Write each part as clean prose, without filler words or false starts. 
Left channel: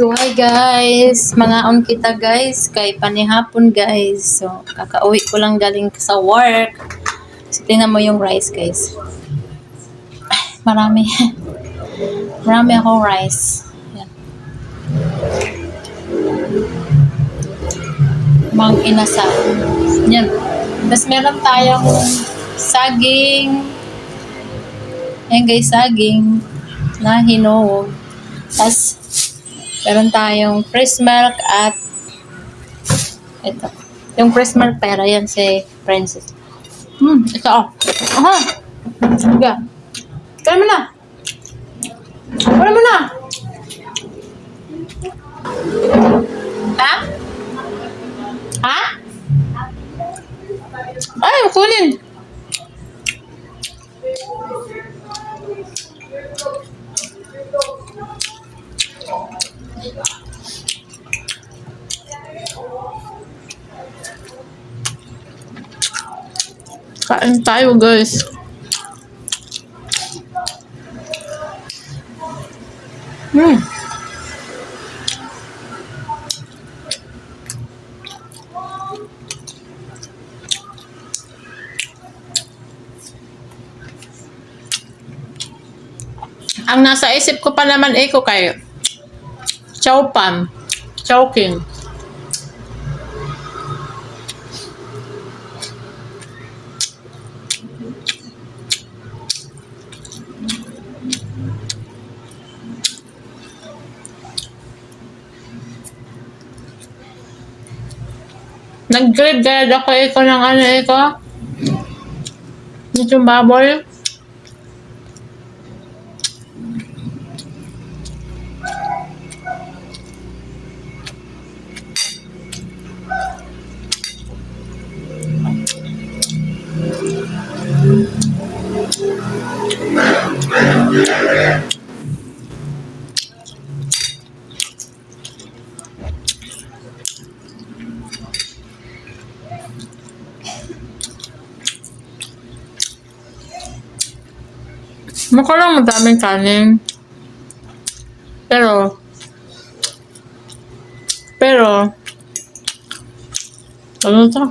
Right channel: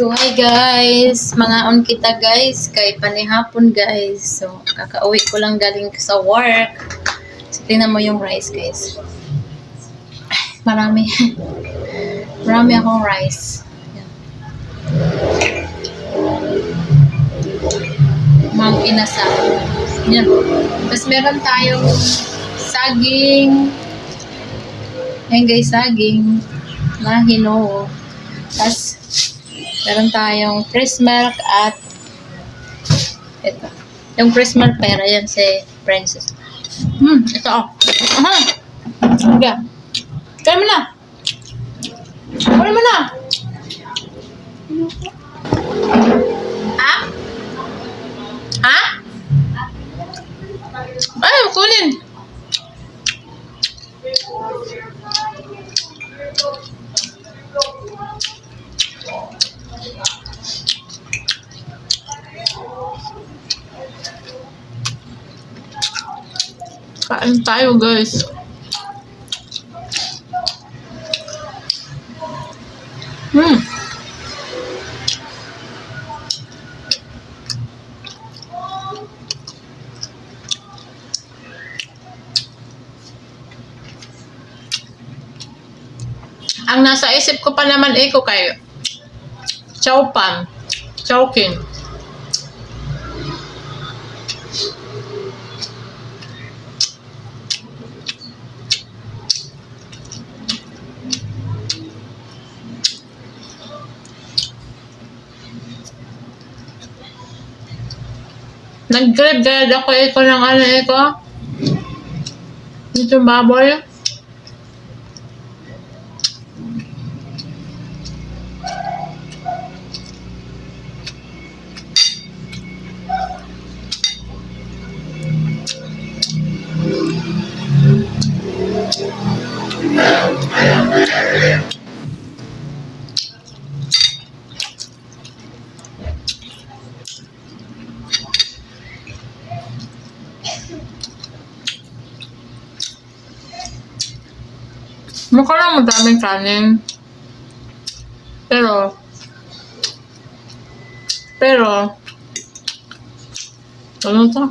So hi guys, mangaon kita guys kay panihapon guys. So kakauwi ko lang galing sa work. So tingnan mo yung rice guys. Marami. Marami akong rice. Yan. Mang inasal. Yan. Tapos meron tayong saging. Yan guys, saging na hinuog. Tapos meron tayong fresh milk at ito. Yung fresh milk pera yan si Princess. Ito oh. Aha. Sige. Kaya mo na. Kaya mo na. Ha? Ha? Ay, kunin. Kain tayo guys. Ang nasa isip ko pa naman ko kayo. Chow pan. Chowking. Nag-grab guard ako ng ano yung baboy. Mukha lang madaming kanin. Pero, ano to?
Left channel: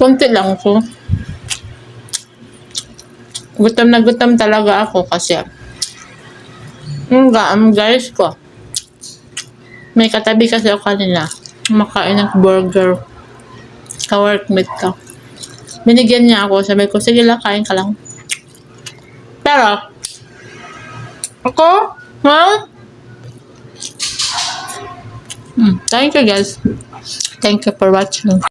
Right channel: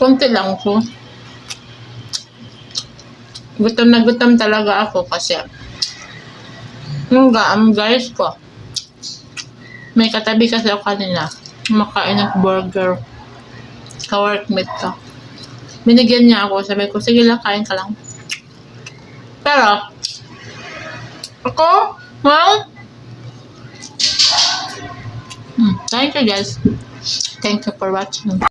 Konti lang ko. Gutom na gutom talaga ako kasi yung guys ko. May katabi kasi ako kanina. Makain ng burger. Ka-workmate ka. Binigyan niya ako. Sabi ko, sige lang, kain ka lang. Pero, ako, well, thank you guys. Thank you for watching.